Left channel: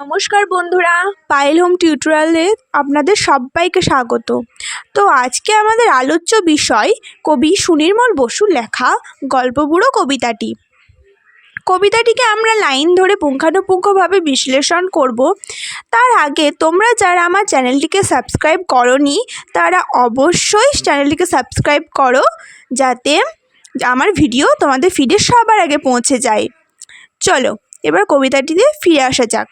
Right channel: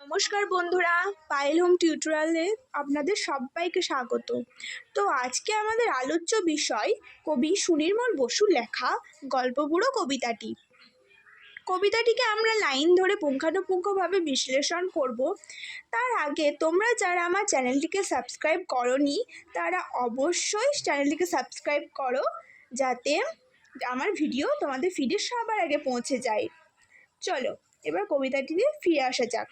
নমস্কার বন্ধুরা, পায়েল হোম টিউটোরিয়ালে আপনাদের সবাইকে স্বাগত। তো আজকে আমাদের আলোচ্য বিষয় কবি সুনির্মল বসুর লেখা গল্পবুড়ো কবিতাটিকে আমরা লাইন ধরে পুঙ্খানুপুঙ্খভাবে বিশ্লেষণ করব। তার আগে তোমরা যারা আমার চ্যানেলটিকে সাবস্ক্রাইব করোনি তারা অবশ্যই চ্যানেলটিকে সাবস্ক্রাইব করো, যাতে আমার ভিডিও তোমাদের ফিডে সবার আগে পৌঁছে যায়। চলো এবার কবিতাটিতে ফিরে আসা যাক।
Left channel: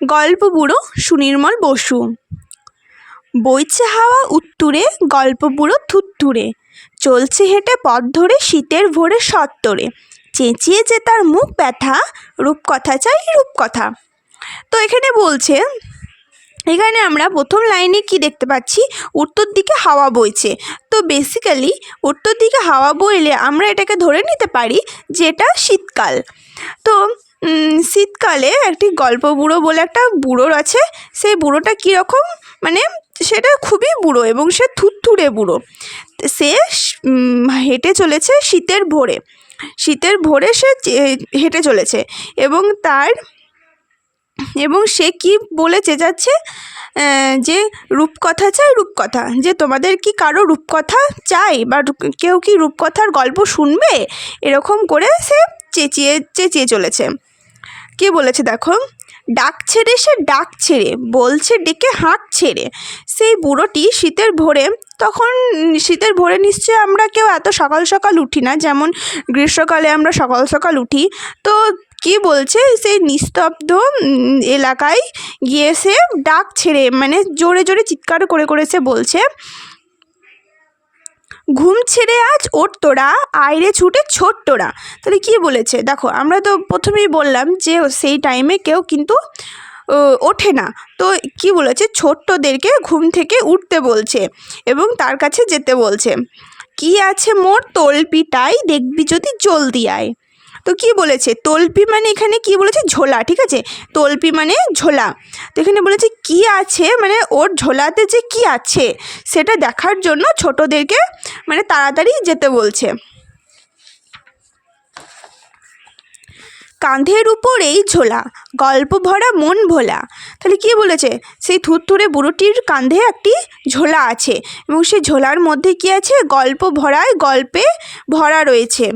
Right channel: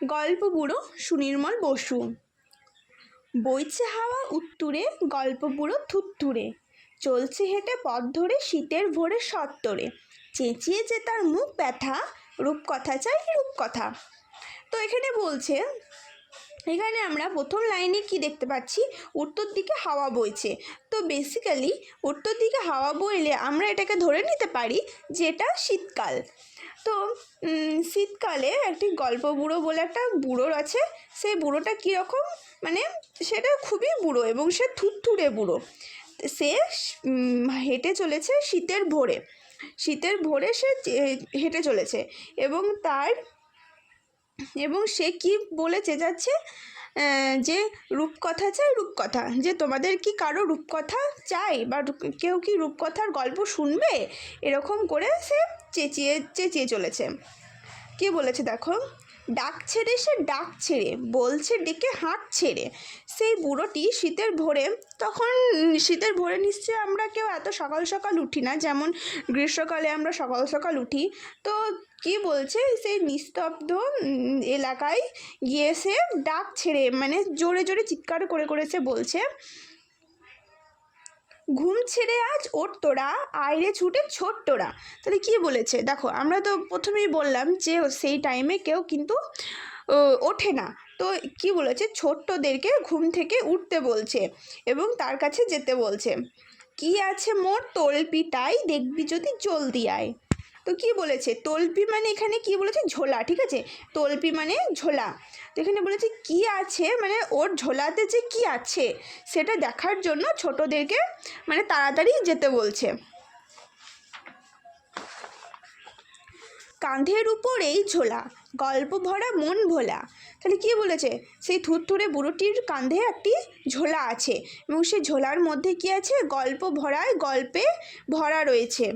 গল্পবুড়ো সুনির্মল বসু। বইছে হাওয়া উত্তুরে, গল্পবুড়ো থুত্তুরে, চলছে হেঁটে পথ ধরে শীতের ভোরে সত্তরে, চেঁচিয়েছে তার মুখ ব্যথা, রূপকথা চাই রূপকথা। তো এখানে বলছে, এখানে আমরা প্রথম লাইনে কি দেখতে পাচ্ছি, উত্তর দিকে হাওয়া বইছে। তো বেসিক্যালি উত্তর দিকে হাওয়া বইলে আমরা এটাকে ধরে নিতে পারি যে এটা শীতকাল। তো শীতকালে একটি গল্পবুড়ো বলে একটা বুড়োর আছে। সেই বুড়োটা কীরকম, মানে সেটা খুবই বুড়ো এবং সে থুত্থুরে বুড়ো। সে হেঁটে চলেছে শীতের ভোরে সে হেঁটে চলেছে এবং সে কি বলে চেঁচাচ্ছে যে রূপকথা চাই রূপকথা, যে তোমাদের কি কারো রূপকথা চাই বা কেউ কি রূপকথার গল্প শুনবে, এরকম করে সে চেঁচিয়ে চলেছে। কি বলেছে দেখো, ডাক ছেড়ে সে ডাক ছেড়ে, বলছে ডেকে হাঁক ছেড়ে। সেই বুড়োটি শীতের ভোরে নিশ্চয়ই আমরা কেউ এত সকাল সকাল উঠি না, যেমন গ্রীষ্মকালে আমরা সকাল সকাল উঠি। তো কি বলছে, সেই নিস্তব্ধ এলাকায় গিয়ে সে ডাক ছেড়ে, মানে জোরে জোরে চিৎকার করে করে সে বলছে, ঘুম ছেড়ে আজ ওঠ তোরা, আয়রে ছুটে ছোট তোরা। তাহলে কী বলেছে দেখো, আমরা তো প্রথমেই বললাম যে সেই টাইমে কেউ কিন্তু ওঠে না। তো কি বলেছে, ছোট্টদেরকে ঘুম থেকে উঠতে বলছে এবং তার কাছে যেতে বলছে। কি আছে মোর তলপিটাই, দেখবি যদি জলদি আয়। তো কি বলেছে, তলপি মানে এখানে কি বলেছে, ঝোলা, ঠিক আছে, তলপি মানে ঝোলা। তো এখানে বলেছে কি আছে, মানে ওর ঝোলাতে যে কি আছে সেটা দেখার জন্য ছোটদেরকে মানে তাড়াতাড়ি যেতে বলছে। কাঁধের উপর এই ঝোলা, গল্প ভরা মন ভোলা। তাহলে কি বলেছে, সেই থুরথুরে বুড়োটির কাঁধে একটি ঝোলা আছে এবং সেই ঝোলার মধ্যে কি আছে, গল্পে ভরা রয়েছে।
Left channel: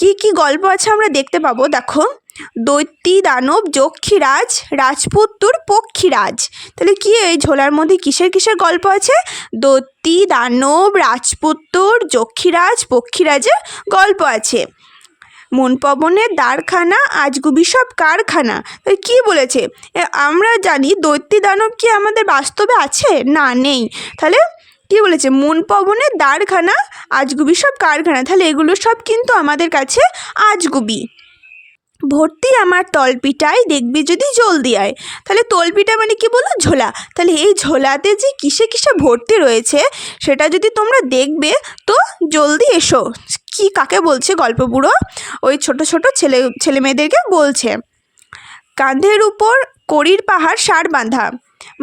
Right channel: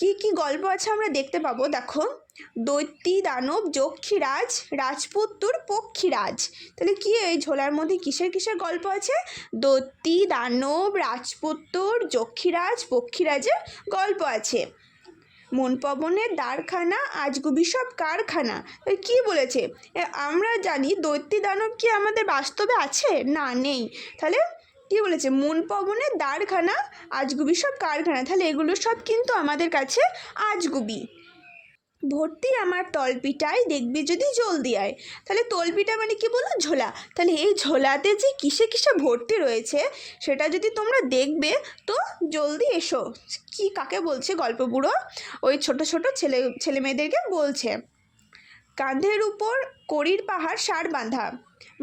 কি কি গল্প আছে আমরা দেখতে পাবো, দেখো, দৈত্যী দানব যক্ষীরাজ, রাজপুত্তুর পক্ষীরাজ। তাহলে কি এই ঝোলার মধ্যে কিসের গল্প আছে, দৈত্যী দানব রাজপুত্তুর যক্ষীরাজ পক্ষীরাজের গল্প আছে। মন পবনের দ্বারখানা, আজগুবি সব কারখানা। তাহলে কী বলেছে, আমরা জানি দৈত্যী দানব কি আমাদের বাস্তবে আছে, না নেই। তাহলে কী বলেছে, মন পবনের দ্বারখানা, আজগুবি সব কারখানা। তাহলে এগুলো সব কিন্তু আমাদের কাছে আজগুবি। ভর্তি আমার তলপিটায়, দেখবি যদি জলদি আয়। তাহলে তলপিটা মানে কি বলো, ঝোলা। তাহলে এই ঝোলাতে যে কিসে ভর্তি রয়েছে সেটা যদি তোমরা দেখবে তো জলদি এসো। কি কাকে বলছে গল্পবুড়ো, ওই ছোট ছোট ছেলে মেয়েদেরকে বলছে। কাঁধের উপর কড়ির পাহাড় সার বাঁধা,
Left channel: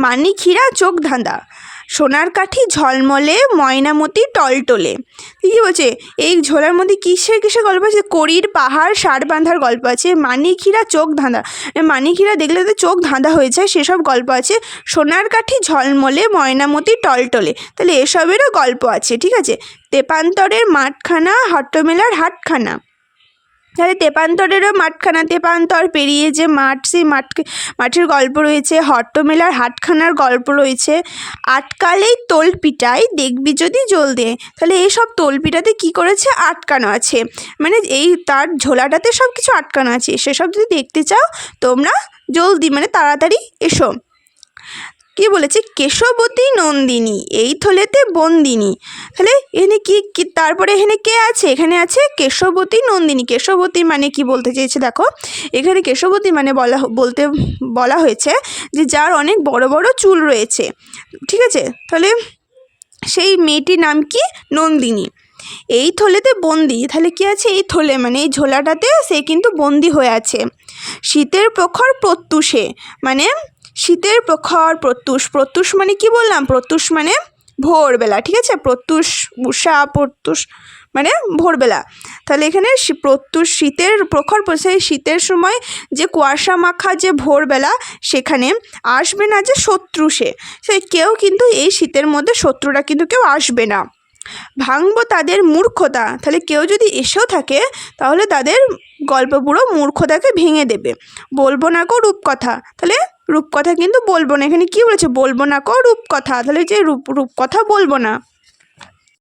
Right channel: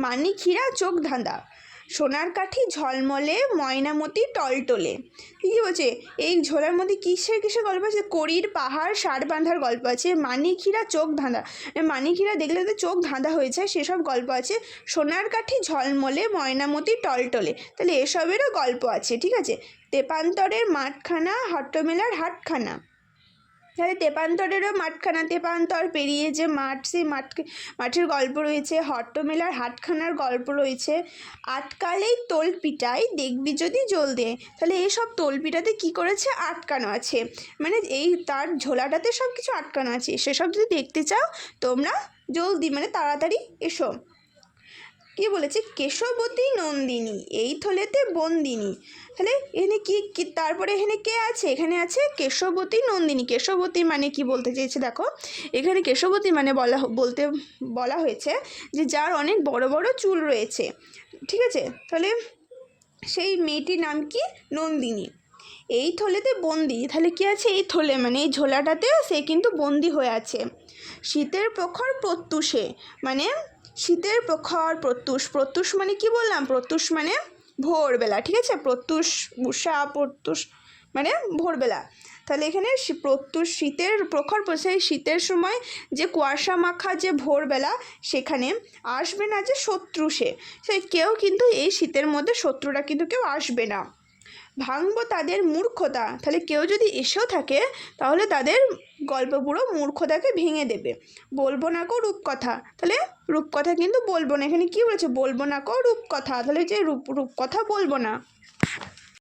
মানিক হীরা চোখ ধাঁধা, সোনার কাঠি ঝলমলে, ময়নামতি টলটলে। কী বলছে, এই ঝোলার মধ্যে কিসের গল্প আছে, কড়ির পাহাড় সার বাঁধার গল্প আছে, মানিক হীরা চোখ ধাঁধা, মানিক হীরা দেখলে তো চোখ ধাঁধা হয়ে যায় সেসব গল্প আছে, সোনার কাঠি ঝলমলে, ময়নামতি টলটলে। তাহলে এসবেরও গল্প আছে, ঠিক আছে। তেপান্তরের মাঠখানা, হট্টমেলার হাটখানা। তাহলে তেপান্তরেরও মাঠখানা, তেপান্তর পেরিয়ে যে মাঠ, সেই মাঠের গল্প রয়েছে, হট্টমেলার হাটখানার গল্প রয়েছে। আটকালেই তোলপিটাই, দেখবি যদি জলদি। তাহলে এইসব তোলপিটাতে কি করেছে, আটকানো আছে, মানে এই তার ঝোলাটাতে সব কিছু আটকানো আছে। সেসব যদি দেখতে চাও তোমরা জলদি, মানে তাড়াতাড়ি এসো। কি বলেছে, কেশবতী নন্দিনী, এই থলেতে বন্দিনী। তাহলে এখানে কি তারপরে এখানে কে আছে, এখানে আছে কেশবতী নন্দিনী। কেশবতী মানে কি বলতে চেয়েছে দেখো, এখানে কেশবতী মানে বলা হয়েছে যে যার অনেক বড় বড় চুল রয়েছে, ঠিক আছে। তাহলে সেই মেয়েটির নাম কি, নন্দিনী। এই থলেতে বন্দি, তাহলে কি আছে, এই থলে মানে এই ঝোলাটাতে সে কিন্তু বন্দি হয়ে আছে। শীতের প্রখর প্রত্যুষে, মানে শীতের প্রখর প্রত্যুষ মানে কি বললাম, প্রত্যুষ মানে ভোরবেলা, ঠিক আছে। প্রত্যুষ, উষা, প্রত্যুষ মানে ভোরবেলা। তাহলে এখানে প্রত্যুষ শীতের প্রখর সেই শীতের সময় যে কুয়াশা মাখা যে ভোরবেলা, সেখানে আসবে না যে শত্রু সে কেউ কিন্তু এই শীতের মধ্যে শত্রুরা কিন্তু কেউ আসবে না। ভাঙবো তাদের মূর্খতা, তাহলে কেউ যদি এসেও থাকে তাহলে তাদের গল্প পুরো মূর্খতাকে ভেঙে দেবে। বলবো না কো রূপকথা, তাহলে রূপকথা কিন্তু বলবো না। এখানে কি বলেছে? বলবো না কো রূপকথা, তাহলে যে রূপকথা বলবো না।